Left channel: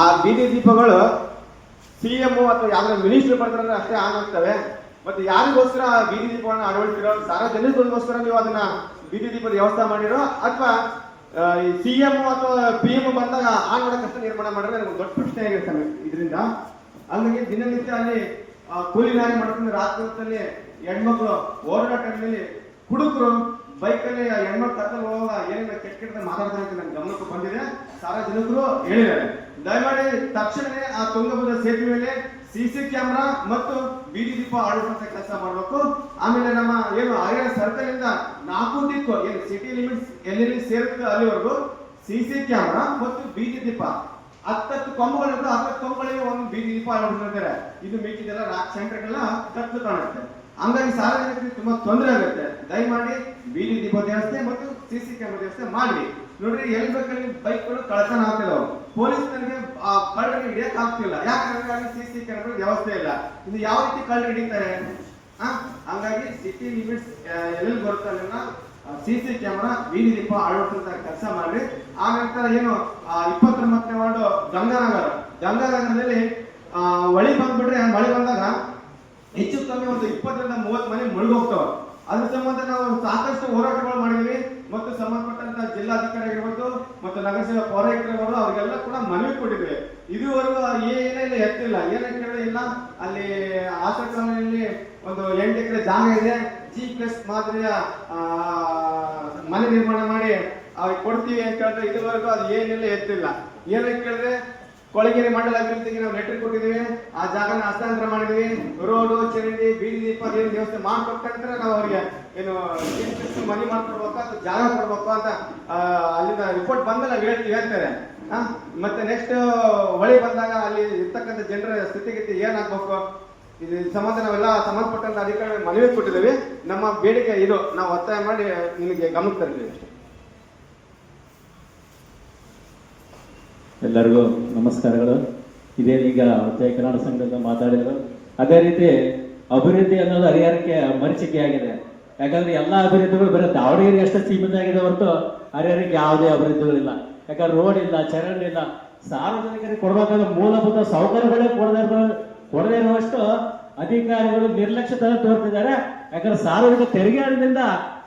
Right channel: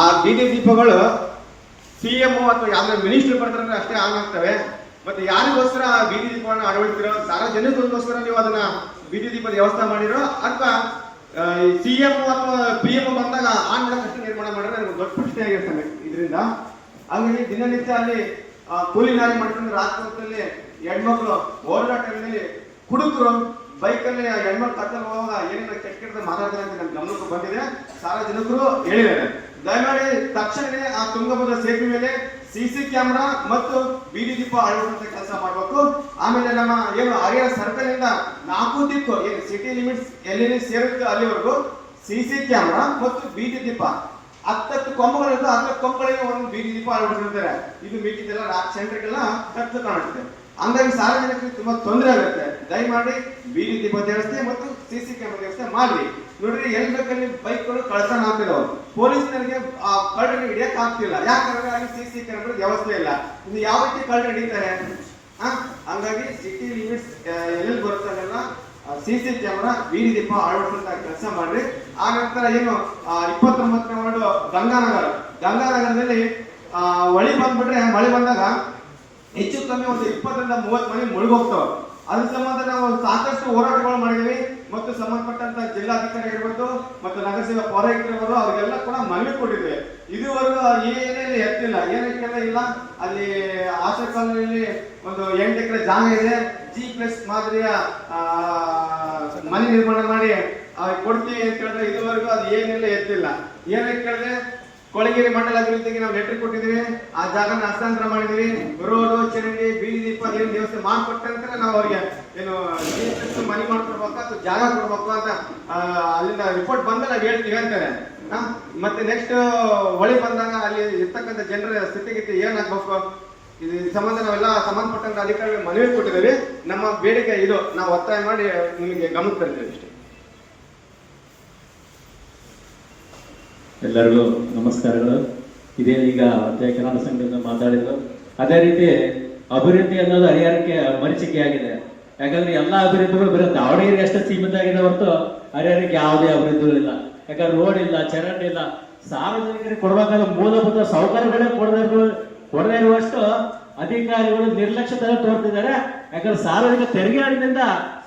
ಆ ಬೀದಿ ದೀಪಗಳು ಸಿಎಂ ಅಥವಾ ಯಾವ್ದಾರ ಮಿನಿಸ್ಟರ್ ಬರ್ತಾರೆ ಅಷ್ಟೇ ಆನ್ ಆಗ್ತವೆ. ಮತ್ತೆ ಯಾರಿಗೋಸ್ಕರ ಬೀದಿ ದೀಪವನ್ನು ಅಳವಡಿಸಿರೋ, ಸಾರ್ವಜನಿಕರಿಗೋಸ್ಕರ ನೀವು ಅದನ್ನ ಬೀದಿ ದೀಪದ ವ್ಯವಸ್ಥೆ ಮಾಡಿರೋ ಅಥವಾ ಸಿಎಂ ಅಥವಾ PM ಬಂದಾಗ ಆನ್ ಮಾಡೋಕ್ಕಷ್ಟೇ ನಿರ್ಮಾಣ ಮಾಡಿದ್ರೆ ನನಗೆ ದೊಡ್ಡ ಪ್ರಶ್ನೆ ಆಗಿರ್ತಾನೆ ಇದರಿಂದ. ಹಂಗಾಗಿ ದಿನನಿತ್ಯ ಅಲ್ಲಿ ಕೂಲಿ ನಾಲಿ ಮಾಡ್ಕೊಂಡು ರಾತ್ರಿ ಹೊತ್ತಲ್ಲಿ ಹೆಣ್ಮಕ್ಳು ಓಡಾಟದಲ್ಲಿ ಹುಡುಗರು ಬೈಕಲ್ಲಿ ಹೆಣ್ಮಕ್ಳು ಕರ್ಕೊಂಡು ಹೋಗುವಾಗ ಏನೇನು ಕೆಟ್ಟ ಮಾತಾಡ್ತಾರೆ ಅಂತ ನನ್ನ ಗಮನಕ್ಕೆ ಬಂದಿದೆ. ಸಾರ್ವಜನಿಕರು ಹೇಳಿದ್ದಾರೆ, ದಯಮಾಡಿ ತಕ್ಷಣವೇ ಆ ತುಂಗಭದ್ರಾ ಸೇತುವೆ ಮೇಲೆ CC ಕ್ಯಾಮೆರಾ ಮತ್ತು ಬೀದಿ ದೀಪ ಅಳವಡಿಸುವಂತ ಕೆಲಸ ಮಾಡಬೇಕು. ಆಮೇಲೆ ನಮ್ಮ ಏನು ಹರಿಹರ ಸರ್ಕಲ್ ಇಂದ 4 ದಿಕ್ಕು ಏನು ಸಿಟಿ ಲಿಮಿಟ್ಸ್ ಎಲ್ಲಿ ಸೇರುತ್ತೆ ಅಲ್ಲಿವರೆಗೂ CC ಕ್ಯಾಮೆರಾ ಮತ್ತು ಬೀದಿ ದೀಪ 10 ಕೊಂಬುಗಳಿಂದ 10 ಕೊಂಬುಗಳಿಗೆ ಒಂದು ಬೀದಿ ದೀಪ ಅಳವಡಿಸಿರ್ತಾರೆ. ಇದು ಮಿಕ್ಕಿದೆಲ್ಲ ಸೆಂಟರ್ಗೆಲ್ಲ ಕತ್ತು ಕಾಣುತ್ತೆ. ಹಂಗಾಗಿ ಸಾರ್ವಜನಿಕರಿಗೆ ತುಂಬಾ ತೊಂದರೆ ಆಗುತ್ತೆ. ದಯಮಾಡಿ ಬೀದಿ ದೀಪ ವ್ಯವಸ್ಥೆ ಮತ್ತು CC ಕ್ಯಾಮೆರಾ ವ್ಯವಸ್ಥೆ ಮಾಡಿ. ನೋಡ್ರಿ, ಎಲ್ಲಿ ಬೇಕಲ್ಲಿ ಬೈಕ್ಗಳು ಕಳ್ತನ ಆಗ್ತಿದಾವ. ಪೊಲೀಸರಿಗೆ ಕಳ್ಳರಿಗೆ ಹಿಡಿಯಕ್ ಆಗ್ತಿಲ್ಲ, ಯಾಕಂದ್ರೆ ಅಲ್ಲಿ CC ಕ್ಯಾಮೆರಾ ವ್ಯವಸ್ಥೆ ಇಲ್ಲ. ಇದು ಯಾವ ರೀತಿ ಕಳ್ಳರು ಹಿಡಿತಾರೆ? ಹಂಗಾಗಿ ಸಿಟಿ ಲಿಮಿಟ್ಸ್ ಎಲ್ಲಿ ಬರುತ್ತೆ ಅಲ್ಲೆಲ್ಲ CC ಕ್ಯಾಮೆರಾ ಬೀದಿ ದೀಪ ಅಳವಡಿಸುವಂತ ಕೆಲಸ ಮಾಡ್ರಿ. ಆ ನಂತರ ಏನು 29ನೇ ವಾರ್ಡ್ ಗಂಗಾನಗರದಲ್ಲಿ ಹೊಳಿ ಬಂದ್ಬಿಟ್ರೆ ಮಳೆ ಬಂದಾಗ ಹೆಚ್ಚು ಕಮ್ಮಿ ಒಂದು 20 ರಿಂದ 30 ಮನೆ ಮುಳುಗೋಗ್ತಾವ. ಅದ್ರ ಸಂಬಂಧ ನಾವು ಸಾಕಷ್ಟು ಹೋರಾಟಗಳು ಮಾಡಿದ್ವಿ ಮತ್ತು ಸಂಬಂಧಪಟ್ಟಂತ ಜಿಲ್ಲಾಧಿಕಾರಿ ಇರ್ಬೋದು ಮತ್ತು ನಗರಸಭೆ ಪೌರಾಯುಕ್ತರು ಅವ್ರಿಗೆಲ್ಲ ಕೂಡ ಮನವಿ ಕೊಟ್ಟಿದ್ವಿ. ಇದುವರೆಗೂ ಏನೇನು ಎತ್ತಿಲ್ಲ, ಏನಕ್ಕೆ ಇಲ್ಲ. ಅಲ್ಲಿ ಆಶಾ ಕಾಲೋನಿಯಲ್ಲಿ ಒಂದು 8 ಎಕರೆ ಜಾಗ ಇದೆ, G+ ಮಾದರಿಯ ಮನೆ ನಿರ್ಮಾಣ ಮಾಡಿ ಕೊಡ್ತೀವಿ ಅಂತ ಹೇಳಿದ್ರೆ ಇದುವರೆಗೂ ಅದು ಏನೆಲ್ಲ ಎತ್ತಿಲ್ಲ. ಏನಕ್ಕೆ ಕೇಳಿದ್ರೆ ಕೊಳಗೇರಿ ಮಂಡಲ ಅಭಿವೃದ್ಧಿಗೆ ನಾವು ಲೆಟರ್ ಕೊಟ್ಟಿದ್ವಿ, ಆ ಜಾಗನ ಹಸ್ತಾಂತರ ಮಾಡಿದ್ವಿ. ರೋಡು, ಚರಂಡಿ, ಬೀದಿ ದೀಪ ಏನು ವ್ಯವಸ್ಥೆ ಮಾಡ್ಕೊಟ್ಟಂದ್ರೆ ನಾವು ಅವ್ರಿಗೆ ಏನು ಮನಿ ಮಾಡ್ಕೊಡ್ಬೇಕು ಅಥವಾ ಜಾಗ ಕೊಡ್ಬೇಕು ಅಂತ ಅಲ್ಲಿಂದ ರಿಪೋರ್ಟ್ ಬಂದ ನಾವು ಹೇಳ್ತಾರೆ. ಮತ್ತೆ ನೆಕ್ಸ್ಟ್ ಹೊಳಿ ಬಂದಾಗ ಅಲ್ಲಿ ಇರ್ತಕ್ಕಂಥ ಜನರ ಸ್ಥಿತಿಗತಿ ಏನಾಗ್ಬೇಕು, ಇದು ಸಂಬಂಧ ನಾವೆಲ್ಲ ಸಂಬಂಧಪಟ್ಟಂತ ಅಧಿಕಾರಿಗಳು ಮನವಿ ಕೊಟ್ಟಿದ್ದೀವಿ. ನಮ್ಮ ಬೇಡಿಕೆ ಇದು, ನಾವು ಒತ್ತಾಯ ಮಾಡಿ ನಿಮಗೆ ಗಮನಕ್ಕೆ ತರ್ತೀವಿ ಅಷ್ಟೇ. ಎಲ್ಲರಿಗೂ ನಮಸ್ಕಾರಗಳು. ಇದೇನೀಗ ಜಯ ಕಿರಾಣ ಸಂಘದಿಂದ ಮಾತಾಡಿದ್ರು. ಅದೇ ರೀತಿ ಅಭಿವೃದ್ಧಿ ಅನ್ನೋದು ಹರಿಹರಕ್ಕೆ ಮರೀಚಿಕೆ ಆಗಿದೆ. ಯಾಕಂದ್ರೆ ಎಲ್ಲಾ ಅಭಿವೃದ್ಧಿಗಳು ಬರೀ ದಾವಣಗೆರೆ ಅಷ್ಟೇ ಸೀಮಿತ ಆಗಿದೆ ಹೊರತು ಹರಿಹರಕ್ಕೆ ಯಾವುದೇ ಅಭಿವೃದ್ಧಿ ಇಲ್ಲ. ಯಾಕಂದ್ರೆ ರೋಡ್ ಇಲ್ಲ, ಚರಂಡಿ ಇಲ್ಲ. ಸಾರ್ವಜನಿಕರಿಗೆ ಕೊಡ್ಬೇಕಾದ ಮೂಲಭೂತ ಸೌಕರ್ಯಗಳೇ ಕೊಡದೇ ಇರುವಷ್ಟು ಅಧಿಕಾರಿಗಳು ನಿರ್ಲಕ್ಷ್ಯತೆ ತೋರ್ತಿದ್ದಾರೆ. ಯಾಕಂದ್ರೆ ಸಾರ್ವಜನಿಕ ತೆರಿಗೆ ಹಣದಿಂದ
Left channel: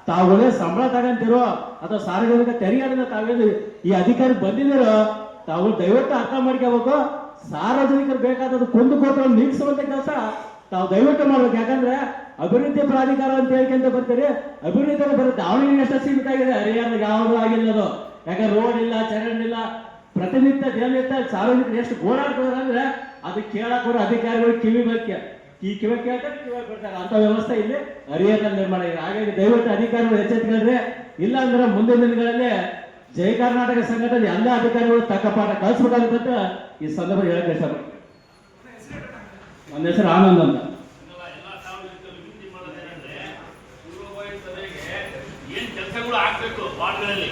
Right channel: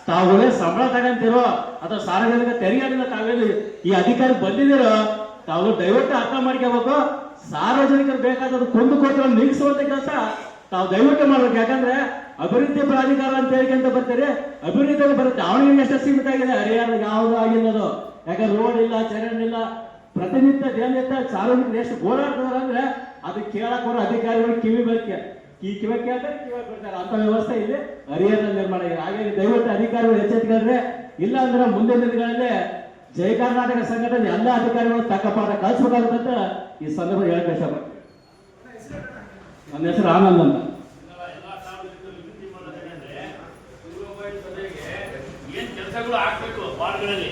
ತಾವುಗಳೇ ಸಂಬಳ ತಗೊಂತಿರೋ ಅಥವಾ ಸಾರ್ವಜನಿಕ ತೆರಿಗೆ ಹಣದಿಂದ ತಾವೇನು ಈ ಅಧಿಕಾರಿ ಬಂದಿದ್ದೀರೋ ತಾವು ದಯವಿಟ್ಟು ಅರ್ಥ ಮಾಡ್ಕೋಬೇಕು. ಸಾರ್ವಜನಿಕರು ಬೇಕಾದದ್ದು ಕುಂದುಕೊರತೆಗಳನ್ನು ನೀಗಿಸುವಂತ ಕೆಲಸ ತಾವು ದಯವಿಟ್ಟು ಮಾಡ್ಬೇಕು. ಯಾಕಂದ್ರೆ ಅಭಿವೃದ್ಧಿ ಪ್ರಾಧಿಕಾರ ಅಂತ ಹೇಳ್ಕೊಂತ ಬರ್ತೀರಿ, ಅಭಿವೃದ್ಧಿ ಬರುತ್ತೆ ದಾವಣಗೆರೆ ಎಷ್ಟು ಸೀಮಿತ ಆಗಿದೆ, ಹರಿಯಾಣ ಯಾವುದು ಆಗಿಲ್ಲದು. ಯಾಕಂದ್ರೆ ರೋಡ್ ಇಲ್ಲ, ಚರಂಡಿ ಇಲ್ಲ. ಪ್ರತಿನಿತ್ಯ ದಿನನಿತ್ಯ ಸಾರ್ವಜನಿಕರು ಎಷ್ಟು ಓಡಾಡ್ತಾರೆ ಅಂದ್ರೆ ಅದು ಕೇಳಕ್ ಬರೋ ಅಧಿಕಾರಿಗಳು ಕಿವಿ ಕೇಳ್ತಾರೆ, ಕಿವಿ ಬಿಡ್ತಾರೆ. ಅಂತ ವ್ಯವಸ್ಥೆ ಇಲ್ಲಿ ಹರಿಯಾಣದಲ್ಲಿ ನಿರ್ಮಾಣ ಆಗಿದೆ. ಹಾಗಾಗಿ ದಯವಿಟ್ಟು ಅಧಿಕಾರಿಗಳು ಎಚ್ಚೆತ್ತುಕೊಂಡ್ರೆ, ಇಲ್ಲ ಅಂದ್ರೆ ಮುಂದಿನ ದಿನಗಳಲ್ಲಿ ಜಯ ಕರ್ನಾಟಕ ಸಂಘಟನೆ ಎಲ್ಲ ಅಧಿಕಾರಿಗಳು ತಕ್ಕ ಪಾಠ ಕಲಿಸ್ಬೇಕಾಗುತ್ತೆ ಈ ಸಂದರ್ಭ ಹೇಳಕ್ಕೆ ಇಷ್ಟಪಡ್ತೀನಿ. ನನ್ನ ಹೆಸರು ಆನಂದ್ ಅಂತ. ಏನ್ ಕೆಲಸಗಳು ಆಗ್ಬೇಕು ವಾರ್ಡ್ಗಳಲ್ಲಿ,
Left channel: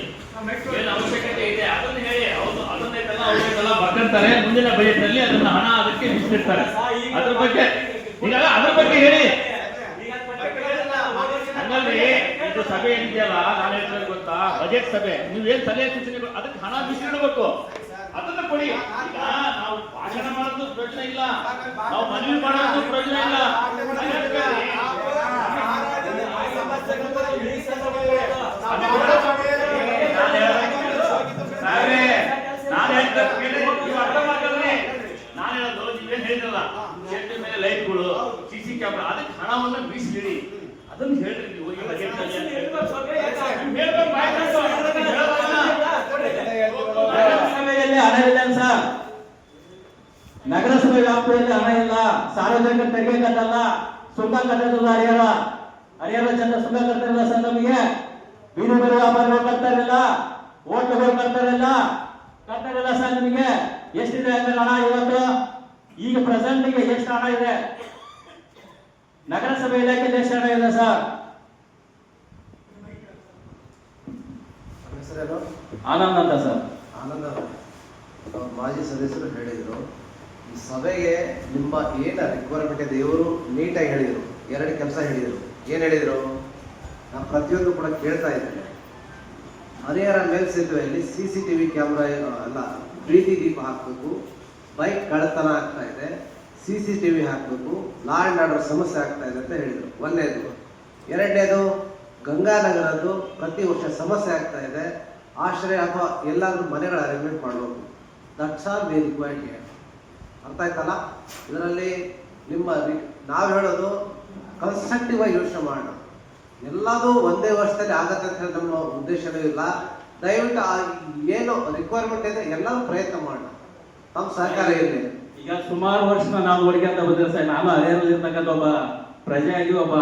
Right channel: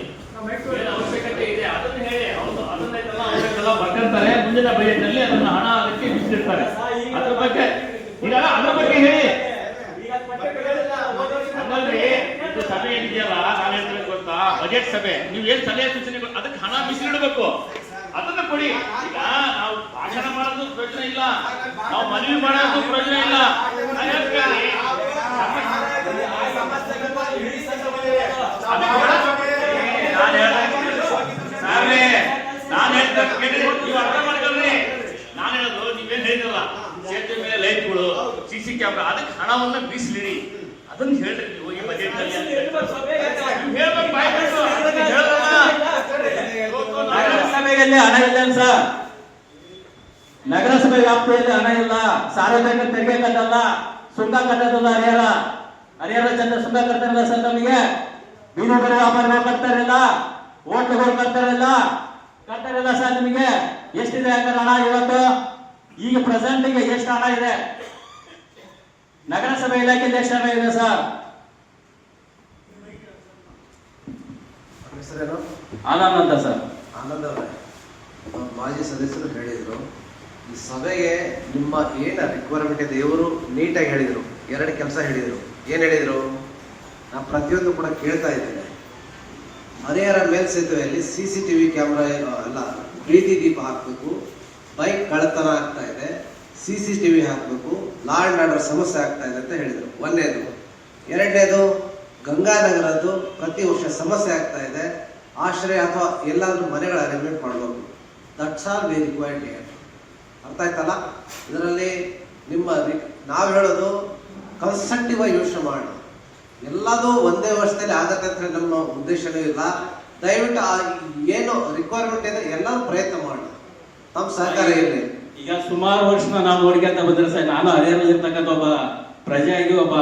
ಏನ್ ಅವಶ್ಯಕತೆ ಇದೆ ಅದನ್ನ ಹೇಳಿ ಅದನ್ನೆಲ್ಲ ಬರ್ತಿರ್ತಾರೆ. ಮುಂದಿನ ಬಜೆಟ್ ನಲ್ಲಿ ಅದನ್ನ ಹಣ ಅದಕ್ಕೆ ಮೀಸಲಿಡ್ತಾರೆ. ಅದ್ರ ಬಗ್ಗೆ ಹೇಳಿ. ಸಭೆ ಏನಿದೆಯಲ್ಲ, ನಾನು ಹೇಳ್ತಿರೋದು ಗೊತ್ತಾ, ಬಜೆಟ್ ಸಭೆ, ನೀವು ಏನ್ ಸಲಹೆ ಸೂಚನೆಗಳು ಅದಕ್ಕೆ ಹಣ ಮೀಸಲಿಡಬೇಕು, ಅದನ್ನ ಕೊಡಿ. ಈಗ ನಾವು ಭಾಷಣ ಮಾಡೋದು ಪ್ರಯೋಜನ ಇಲ್ಲ, ನಾವು ಮನವಿ ಮಾಡೋದು ಪ್ರಯೋಜನ ಇಲ್ಲ. ನೀವು ಅರ್ಥ ಮಾಡ್ಕೊಳ್ರಿ. ನಾನು ಹೇಳೋದು ನೀವೇನ್ ಹೇಳಿದ್ರಲ್ಲ, ಸೇತುವೆ ಮೇಲೆ ಲೈಟ್ಗಳು, CC ಕ್ಯಾಮೆರಾ, ಅದಕ್ಕೆ ಹಣವನ್ನು ಮೀಸಲಿಡಿ. ಅದನ್ನ ಹೇಳ್ರಿ ನೀವು ಈ ಬಜೆಟ್ ನಲ್ಲಿ. ನಗರಸಭೆಯಲ್ಲಿ ಹಣ ಇಲ್ಲ ಸರ್, ನಗರಸಭೆ ವ್ಯಾಪ್ತಿಯಲ್ಲಿ ಹಣ ಇಲ್ಲ. ಸಾರ್ವಜನಿಕ ತೆರಿಗೆ ಕಟ್ಟಲ್ಲ, ಸುಂಕ ಕಟ್ಟೋದಿಲ್ಲ. ಹರಿಹರ ಚಂದ ಸುಂಕ ಕಟ್ತಾರಲ್ಲ ಸರ್, ನಮಗೆ ಬೀದಿಗಳು ವ್ಯಾಪಾರಿಗಳು ಕಟ್ತಾರಿಲ್ಲ, ಹೋಟ್ಲುಗಳು ಕಟ್ತಾರಿಲ್ಲ ಸರ್. ನಿಮಗೆ ಎಷ್ಟಿದೆ ಹಂಗಾರೆ ಹಣ ಇವತ್ತು? ಈಗ ಪ್ರೆಸೆಂಟ್ಗೆ ಎಷ್ಟು ಹಣ ಇದೆ? ನಗರಸಭೆ ಇಲಾಖೆಯಲ್ಲಿ ಎಷ್ಟು ಹಣ ಇದೆ ಸರ್? ಆನಂದ್ ಅಂತ ಸರ್. ಆನಂದ್ ಅವರೇ, ಮಾಜಿ ಸದಸ್ಯರು ಹೇಳಿದ್ರು, ಈ ಸಭೆಗೆ ನಿಮ್ಮ ಏನು ರಿಕ್ವೈರ್ಮೆಂಟ್ ಇದೆ ಇವರು ನೀಟಾಗಿ ಹೇಳಿದರು. 2 ಕೆಲಸ ಹೇಳಿದರು. ಏನು ಹೇಳಿದರು? ನಾನು ಪ್ರತಿಯೊಂದು ಕೂಡ ಕೇಳ್ತಾ ಇದ್ದೇನೆ. ಹರಿಹರ ಮೇಲ್ಸೇತುವೆಯಲ್ಲಿ CCTV ಕ್ಯಾಮ್ರಾ ಅಲ್ಲ, ಪ್ರೀತಿ ದೀಪ ಹಾಕಬೇಕು, ಬೈಕ್ ಕಳ್ಳತನ ಆಗ್ತಾ ಇದೆ, CCTV ಹಾಕಬೇಕು, ಲಾ ಆ್ಯಂಡ್ ಆರ್ಡರ್ ಸಮಸ್ಯೆ ಆಗ್ತಾ ಇದೆ ಅಂತ ಹೇಳಿದರು. ಒಂದನೇದು. ಎರಡನೇದು, ಗಂಗಾನಗರದ್ದು ಪ್ರತಿ ವರ್ಷ ಸಮಸ್ಯೆ ಆಗ್ತಾ ಇದೆ, ಆಶ್ರಯ ಅಥವಾ ಎಲ್ಲಾದ್ರೂ ಮನೆಗಳ ಅರೇಂಜ್ಮೆಂಟ್ ಮಾಡಬೇಕು. That's all we required here. ಅರ್ಥ ಆಯ್ತಲ್ಲ? ಇದರಲ್ಲಿ ನಾವು ಹೇಳೋದು ಕನ್ಸ್ಟ್ರಕ್ಟಿವ್ ಆಗಿ ಯೋಚನೆ ಮಾಡೋಣ. ಎಲ್ಲದೂ ಒಂದೇ ವರ್ಷದಲ್ಲಿ ಆಗತ್ತೆ ಅಂತ ಹೇಳಿ ನಮ್ಮ ಉದ್ದೇಶನೂ ಇಲ್ಲ. ದಯವಿಟ್ಟು ಏನು ರಿಕ್ವೈರ್ಮೆಂಟ್ ಇದೆ ಎಲ್ಲರೂ ಪ್ರಯತ್ನ ಮಾಡೋಣ. ತಮ್ಮ ಸಹಕಾರ ಇರಲಿ. ಈಗ ಸುಮಾರು ವರ್ಷ ನಾವು ನೋಡ್ಕೊಂತ ಬಂದ್ರೆ ಸರ್, ನಾನು ಹರಿಹರದಲ್ಲಿರ್ತಕ್ಕಂಥ ಒಬ್ಬ ಪ್ರಜೆಯಾಗಿ ಒಬ್ಬ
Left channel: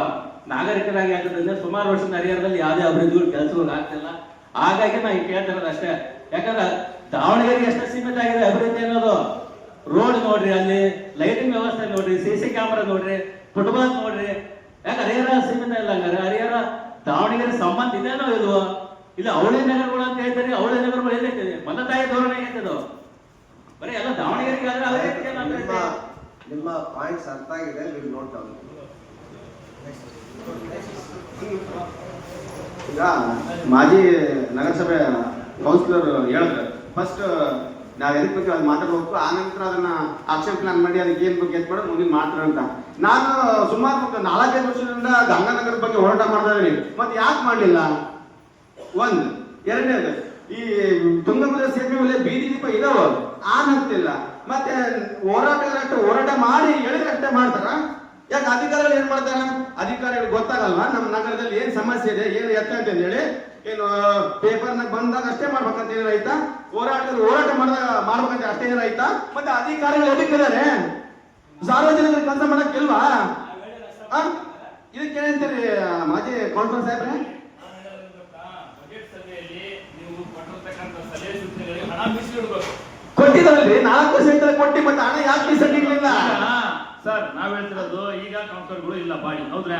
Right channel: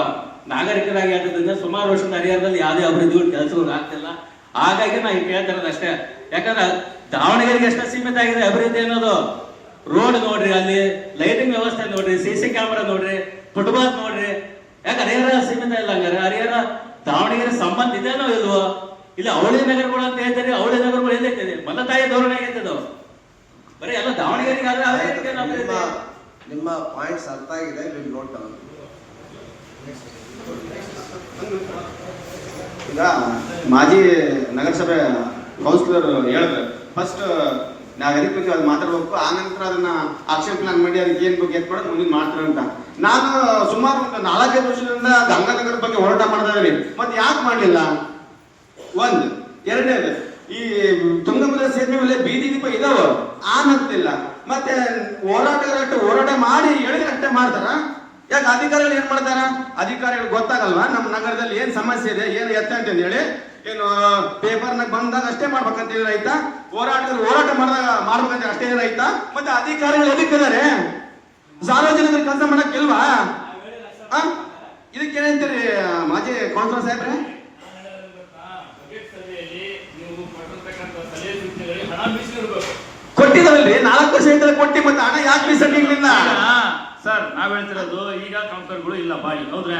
ನಾಗರಿಕರಾಗಿ ಆಗಿದ್ದರಿಂದ ಸುಮಾರು ವರ್ಷದ ಹರಿಹರದಲ್ಲಿ ಯಾವುದೇ ಅಭಿವೃದ್ಧಿ ಕೆಲಸಗಳು ಆಗ್ತಿಲ್ಲ. ಹಾಗಾಗಿ ನಾವು ಕೇಳ್ತಿರೋದು ಅಷ್ಟೇ. ಯಾಕಂದ್ರೆ ದಾವಣಗೆರೆಗೆ ಎಷ್ಟು ಸೀಮಿತ ಆಗಿದೆ ಅಭಿವೃದ್ಧಿ ಅನ್ನೋದು. ರೋಡ್ ನೋಡ್ರಿ, ಅಲ್ಲಿ ಲೈಟಿಂಗ್ ವ್ಯವಸ್ಥೆ ನೋಡ್ರಿ, CC ಕ್ಯಾಮರಾ ನೋಡ್ರಿ, ಫುಟ್ಬಾಲ್ ನೋಡ್ರಿ. ಯಾಕೆ ಹರಿಹರ ಸೀಮಿತ ಇಲ್ಲ ಹಂಗಾರೆ? ಹರಿಹರ ದಾವಣಗೆರೆ ಸಂಬಂಧ ಇದೆಯೋ ಇಲ್ವೋ? ಇಲ್ಲ ಅವಳಿ ನಗರಗಳು ಅಂತ ಹೇಳ್ತಾರೆ, ಅವಳಿ ನಗರಗಳು ಎಲ್ಲೈತಿದೆ? ಮನ ತಾಯಿ ಧೋರಣೆ ಆಗೈತದು. ಬರೀ ಎಲ್ಲ ದಾವಣಗೆರೆಗೆ ಆದ್ರೆ ಅದೇ ರೀತಿ ನಿಮ್ಮ ಪಾಯಿಂಟ್ಸ್ ಅರ್ಥ ಆಗಿದೆ. Will note down. ಈಗ ಮಾಜಿ ನಗರಸಭೆ ಕೌನ್ಸಿಲರ್ ಹೇಳಿದ್ರೆ ಫಸ್ಟ್ ನಾವ್ ಎದಕ್ ಬಗ್ಗೆ ಅದು ಮಾತಾಡ್ಬೇಕು, ಆನಂತರ ಅದನ್ನ ಆಕ್ಷನ್ ಪ್ಲಾನ್ ಮಾಡಿ ಅದಕ್ಕೆ ಏನ್ ಬಗ್ಗೆ ಮಾಡೋದು ಮುಂದಿನ ಮಾಡ್ತಾರೆ ಅಂತ. ನಾನು ಸುಮಾರು ಒಂದು 4-5 ವರ್ಷದಿಂದ ಗಂಗಾನಗರದ ಬಗ್ಗೆ ಹೋರಾಟ ಮಾಡ್ತಾ ಇದೀನಿ. ಮತ್ತೆ ಯಾಕೆ ಮಾಡಲಿಲ್ಲ? ಒಂದು. ಎರಡನೇದು, ಈ ತುಂಗಭದ್ರಾ ಸೇತುವೆ ಮೇಲೆ ಬೀದಿ ದೀಪ ಇದಾವ, ಆನ್ ಆಗ್ತಿಲ್ಲ. ಮತ್ತೆ ಹೋರಾಟ ಮಾಡಿ ಹೇಳಿದ್ರಷ್ಟೇ ಮಾಡ್ತಾರ. ಯಾಕೆ ಅಧಿಕಾರಿಗಳು ಏನ್ ಮಾಡ್ತಾರ? ಅಧಿಕಾರಿಗಳು ಗೊತ್ತಾಗಲ್ವಾ ನಮ್ಮ ನಗರದಲ್ಲಿ ಏನ್ ಸಮಸ್ಯೆ ಇದೆ, ಏನು ಎತ್ತ ಅಂತ ಹೇಳಿ? ಏನು ಪೇಪರ್ನಾಗ ಬಂದಾಗ ಅಷ್ಟೇ ಮಾಡ್ಬೇಕಂತ ಆಯ್ತಾ? ಹೋರಾಟ ಮಾಡ್ಬೇಕಂತ ಅಷ್ಟೇ ಏನಾಯ್ತಾ? ಮತ್ತೆ ಅಧಿಕಾರಿಗಳು ಎದಕ್ಕಿದ್ದಾರೆ? ಸಾರ್ವಜನಿಕರು ಕೆಲಸ ಮಾಡಕ್ ಇಲ್ವಾ? ಇದಕ್ಕೆ ಏನಂತೀರಿ ಮಾಜಿ ಕೌನ್ಸಿಲರ್ ಸಾಹೇಬ್ರೆ? ಕೊಟ್ಟಿದಾರಲ್ರಿ, 4 ವರ್ಷ ಇದ್ದರೆ ಕೊಟ್ಟಿ, ಮತ್ತೆ ಹಣ ಯಾಕೆ ಮೀಸಲಿಲ್ಲ? ಸರ್, ನಾವ್ ಹೇಳ್ತಿರೋದು ಈಗ ಕೌನ್ಸಿಲರ್ಗಳು ಇಲ್ಲ ಬಾಡಿ, ಹೌದ್ರಾ?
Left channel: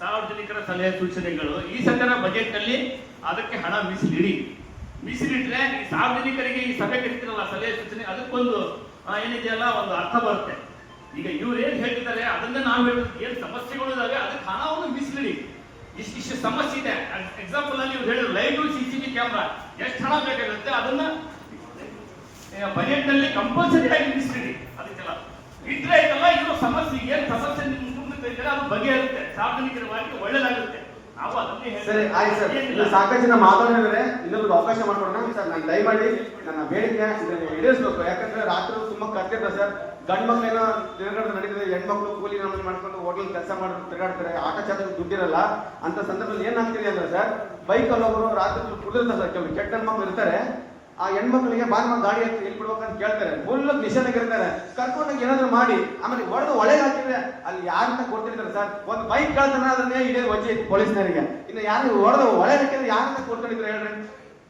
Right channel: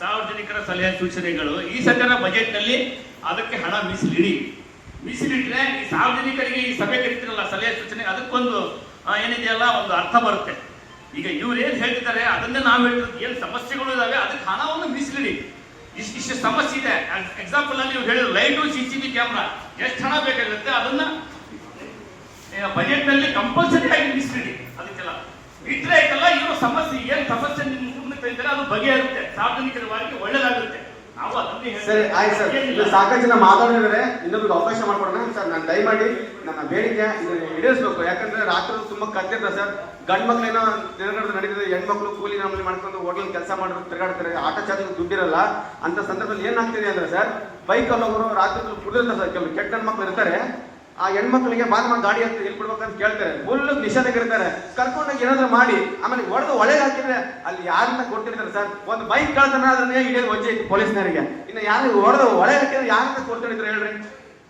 ಸಾರ್ವಜನಿಕರ ಸಲಹೆ ಸೂಚನೆಗಳು ಈ ಸದ್ಯನ ಬಜೆಟ್ ನಲ್ಲಿ ಅದಕ್ಕೆ ಹಣ ಮೀಸಲಿಟ್ರೆ ಈ ಸಾರ್ವಜನಿಕರಿಗೆ ಈ ಸಭೆ ಕರಿತಿರಲ್ಲ ಸಲಹೆ ಸೂಚನೆ, ಅದಕ್ಕೊಂದು ಏನಿದೆಯಲ್ಲ ಒಂದು ಅರ್ಥ ಬರುತ್ತೆ. ಈಗ ಇವ್ರು ಏನ್ ಹೇಳ್ತಿದ್ದಾರೆ ಅದನ್ನೇ ನಾವು ಹೇಳ್ತಿದ್ವಿ. ಏನ್ ಸಮಸ್ಯೆಗಳು ಇದಾವೆ ಅದಕ್ಕೆ ಹಣವನ್ನು ಮೀಸಲಿಡಿ. ಇಷ್ಟು ಸಮಸ್ಯೆ ಇದೆ. ಎಕ್ಸಾಂಪಲ್ ಅಲ್ಲಿ ನೀವು ಹೇಳಿದ್ರು ಲೈಟು, CCTV ಕ್ಯಾಮ್ರಾ ಎಷ್ಟು ಹಣ ಬೇಕಾಗುತ್ತೆ ಅದನ್ನ ಬಜೆಟ್ ನಲ್ಲಿ ಕಂಪಲ್ಸರಿ ಆಗಿ ಮೀಸಲಿಡಿ. ಅದಕ್ಕೆಲ್ಲ ಇಟ್ರೆ ಆಯ್ತಲ್ಲ, ಇರೋ ಸಮಸ್ಯೆ ಏನ್ ಸಮಸ್ಯೆ ನಿಮ್ಗೆ ಇದ್ದಾರೆ ಅದು ಬಗೆಹರುತ್ತೆ, ಸಾರ್ವಜನಿಕರ ಬಾರಿಗೆ ಒಳ್ಳೇದಾಗುತ್ತೆ. ನಾವು ಅದನ್ನೇ ಸರಿ, ಆಯ್ತು ಸರ್. ಇಲ್ಲಿ ಸಾಕಷ್ಟು ಜನ ಮಾತಾಡಿದ್ರೆ ಇನ್ನೊಂದು ಅವಕಾಶ ಮಾಡ್ಕೊಡೋಣ ಸರ್. ನಾನು ದಯಮಾಡಿ ನನ್ನ ಬೇಡಿಕೆ ಇದನ್ನು ಈಡೇರಿಸಬೇಕು. ಯಾಕಂದ್ರೆ ರಾತ್ರಿ ತುಂಬಾ ಕತ್ತಿರ್ತಾರೆ ಸರ್. ಗಂಡು ಮಕ್ಳೇನೋ ತಿರುಗಾಡೋದು ನಡೀತದೆ, ಹೆಣ್ಮಕ್ಳು ಕೂಲಿ ನಮ್ಮಲ್ಲಿ ಮಾಡ್ಕೊಂಡು ಹೋಟೆಲ್ ಕೆಲಸ ಮಾಡೋದು ತಿರುಗಾಡ್ತಾರೆ, ಆಟ ಚಾರ್ಜ್ ದುಡ್ಡಿರಲ್ಲ. ಅಂತ ಸಂದರ್ಭದಲ್ಲಿ ಏನಾಗ್ತಿದೆ ಅಂದ್ರೆ ಸರ್, ಬೈಕಲ್ಲಿ ಒಬ್ಬರು ರಾತ್ರಿ ಕುಡಿದಿರ್ತಾರೆ ಸರ್. ಕೆಲವು ಕೆಟ್ಟ ಹೆಣ್ಮಕ್ಳು ಇರ್ತಾರೆ, ಆ ಹೆಣ್ಮಕ್ಳಿಗೆ ಬಾಗ ಗಾಡಿ ಅಂತ ಇಲ್ಲಿ ಬಿಡ್ಬೇಕಂತ ಕೇಳ್ತಾರೆ, ಫುಲ್ ನಿಷೇಧಗಿರ್ತಾರೆ. ಕರ್ಕೊಂಡಾಗ ಏನಾದ್ರು ಮಾಡಿ ಆಮೇಲೆ ಹೊಡೆದು ಒಳಗೆ ಹಾಕಿದ್ರೆ ಅಲ್ಲಿ ಯಾರನ್ನ ಕೊಡ್ತಿರ್ತಾರೆ ಸರ್. ಒಂದು ಬೈಕ್ ಕಳ್ತನ ಅದನ್ನೇ ಹಿಡಿಯೋದು ವಜ್ಜೆ ಇತ್ತು ಪೊಲೀಸ್ನವರಿಗೆ. ಇನ್ನು ಯಾರು ಹೊಡೆದು ಒಳಗೆ ಹಾಕಿದ್ರೆ ಯಾರನ್ನ ಕೊಡ್ತಿರ್ತಾರೆ ಹೇಳ್ರಿ?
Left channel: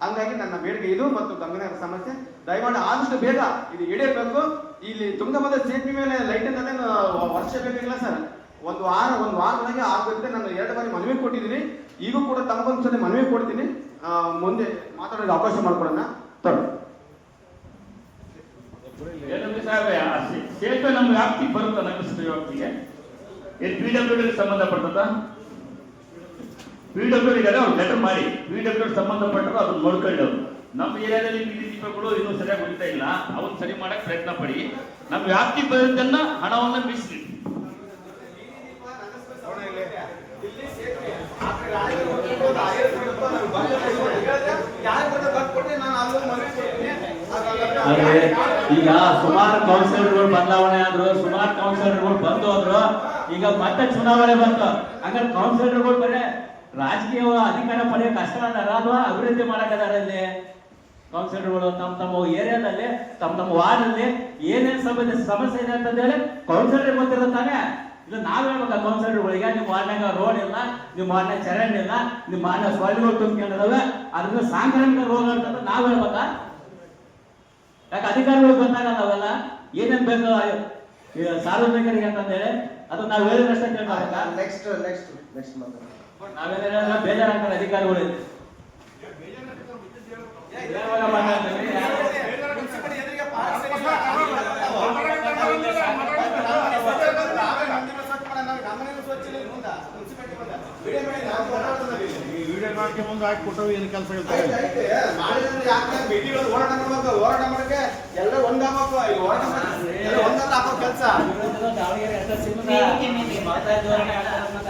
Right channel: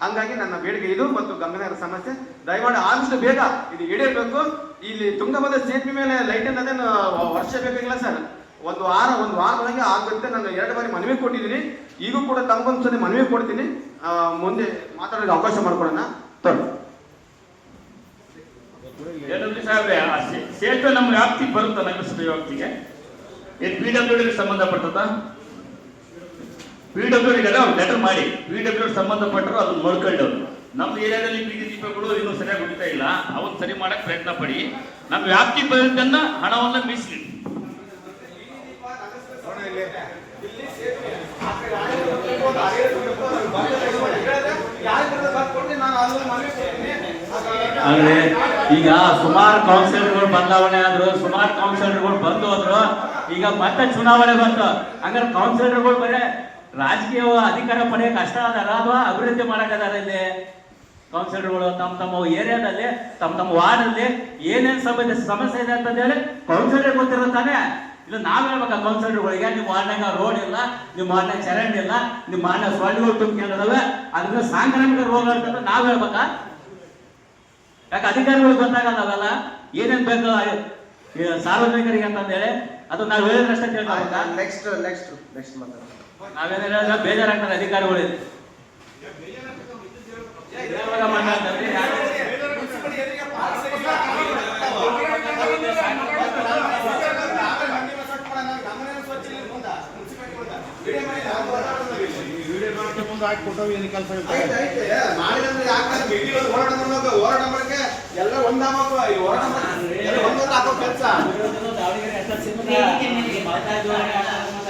ಹಂಗಾಗಿ ನನ್ನ ಬೇಡಿಕೆ ಇದು ಮತ್ತು ಗಂಗಾನಗರ ಸಮಸ್ಯೆ ದಯಮಾಡಿ ಆದಷ್ಟು ಬೇಗ ಇದು ಈಡೇರಬೇಕು. ಇಲ್ಲಿ ತುಂಗಭದ್ರಾ ಸೇತುವೆ ಮೇಲೆ ಲೈಟ್ ಅನ್ನೋದೇನು ವರ್ಷ ಬೇಕಾಗಿಲ್ಲ ಸರ್. ಒಂದು ವಾರದೊಳಗೆ ಆಗುತ್ತೆ. ನಾನು 2 ಬಾರಿ ಮನವಿ ಕೊಟ್ಟಿದ್ದೀನಿ. ಈಗೂ ಕೂಡ ತಮಗೊಂದ್ಸರಿ ಮನವಿ ಕೊಡ್ತೀನಿ. ಮುಂದೆ ಮಾತಾಡೋದು ಅವಕಾಶ ಮಾಡ್ಕೊಡೋಣ. ಸೇತುವೆ ನಮ್ಮ ವ್ಯಾಪ್ತಿಗೆ ಬರುತ್ತಾ? ನಗರಸಭೆ ವ್ಯಾಪ್ತಿಗೆ ಏನ್ PWD ಸಂಬಂಧಪಟ್ಟದ? PWD ಅವ್ರು ಲೆಟರ್ ಮಾಡಿ, PWD ಸಂಬಂಧಪಟ್ಟರು ಅದನ್ನ ನೋಡ್ಕೊಂಡವ್ರು. ನಮ್ಮ ಏರಿಯಾದಲ್ಲಿ ಬೀದಿ ದೀಪಗಳು ಇನ್ನೂ ಸರಿಯಾಗಿ ಹೊಡಿತಾ ಇಲ್ಲ, ಅವನ್ನ ಸರಿ ಮಾಡಕ್ ಪ್ರಯತ್ನ ಪಡಿ. ನಮ್ಮ ವ್ಯಾಪ್ತಿಗೆ ಬರೋದನ್ನ ಹಣವನ್ನ ಮೀಸಲಿಡಿ. ಅಂದ್ರೆ ಈಗ ಸುಮಾರು ಕೌನ್ಸಿಲರ್ಗಳು ಬದಲಾವಣೆ ಆದ್ರು, ಸುಮಾರು ಕೌನ್ಸಿಲರ್ಗಳು ಬಂದು ಹೋದ್ರು. ಈಗ ಮತ್ತೆ ಚುನಾವಣೆ ಬಂತು. ಹಂಗಾರೆ ಕೌನ್ಸಿಲರ್ಗಳು ಬರೀ ರಾಜಕೀಯ ಅಧಿಕಾರ ಪಡೆಯಕ್ಕೆ ಕಷ್ಟ ಅದಾರ ಅಥವಾ ಅಭಿವೃದ್ಧಿ ಮಾಡಕ್ಕದಾರ? ಇಲ್ಲಿ ಕೌನ್ಸಿಲರ್ಗಳು ತಮ್ಮ ಏರಿಯಾದಲ್ಲಿ ತಮ್ಮ ವಾರ್ಡಲ್ಲಿ ಏನೇನು ಸಮಸ್ಯೆ ಇದೆ ಅಂತ ಹೇಳಿ ಕೌನ್ಸಿಲರ್ ಗೊತ್ತಿರುತ್ತಾನೆ. ಇದು ನಾವ್ ಹೇಳ್ಬೇಕಾ ಕೌನ್ಸಿಲರ್ಗಳಿಗೆ? ನಿಮ್ಮ ವಾರ್ಡ್ನಾಗ ರೋಡ್ ಇಲ್ಲ, ನಿಮ್ಮ ವಾರ್ಡ್ನಾಗ ಚರಂಡಿ ಇಲ್ಲ, ನಿಮ್ಮ ವಾರ್ಡ್ನಾಗ ಸೊಳ್ಳೆಗಳು ತುಂಬಿಕೊಂಡಿದಾವೆ, ಅದರಿಂದ ಸಾಂಕ್ರಾಮಿಕ ರೋಗ ಅಂತಂದ್ರೆ ನಾವ್ ಹೇಳ್ಬೇಕಾ? ಯಾಕೆ ಅಧಿಕಾರಿಗಳು ಗೊತ್ತಾಗಲ್ಲ ಅವೆಲ್ಲ ಏನೇನ್ ಬೇಕು ಸಾರ್ವಜನಿಕರಿಗೆ ಅಂತಂದೇಳಿ? ಅದು ನಾವ್ ಹೇಳಿದ್ರಷ್ಟೇ ಕೇಳ್ಬೇಕಾ? ನೆಕ್ಸ್ಟ್ ನಾವೇನ ಬೇಜಾರಾಗ್ತಾರೆ ಅಧಿಕಾರಿಗಳು. ವಿಡಿಯೋ ಮಾಡಿ ಮಾಡ್ಕೊಂಬಂದು ಹಾಕಿ ಕೊಟ್ಟವು ಏನು ಕೆಲಸ ಆಯ್ತು, ಆಯ್ತು. ಮಾಡಿದ್ರೆ ಯಾಕೆ ಬೀದಿಗಳು ಹೋರಾಟ ಮಾಡ್ಬೇಕು, ಹೋರಾಟ ಮಾಡಕ್ಕೆ ಎಲ್ಲ ಒಂದಾಗಬೇಕು, ಈ ಹೋರಾಟ ಮಾಡಿ ಎಲ್ಲ ಒಂದೊಂದು ಹಾಕೋ ಕೆಲಸ. ದಾವಣಗೆರೆ ಅಷ್ಟೇ ಸೀಮಿತ ಮಾತಾಡಿದವ್ರನ್ನೇ ಹಾಕೋದು.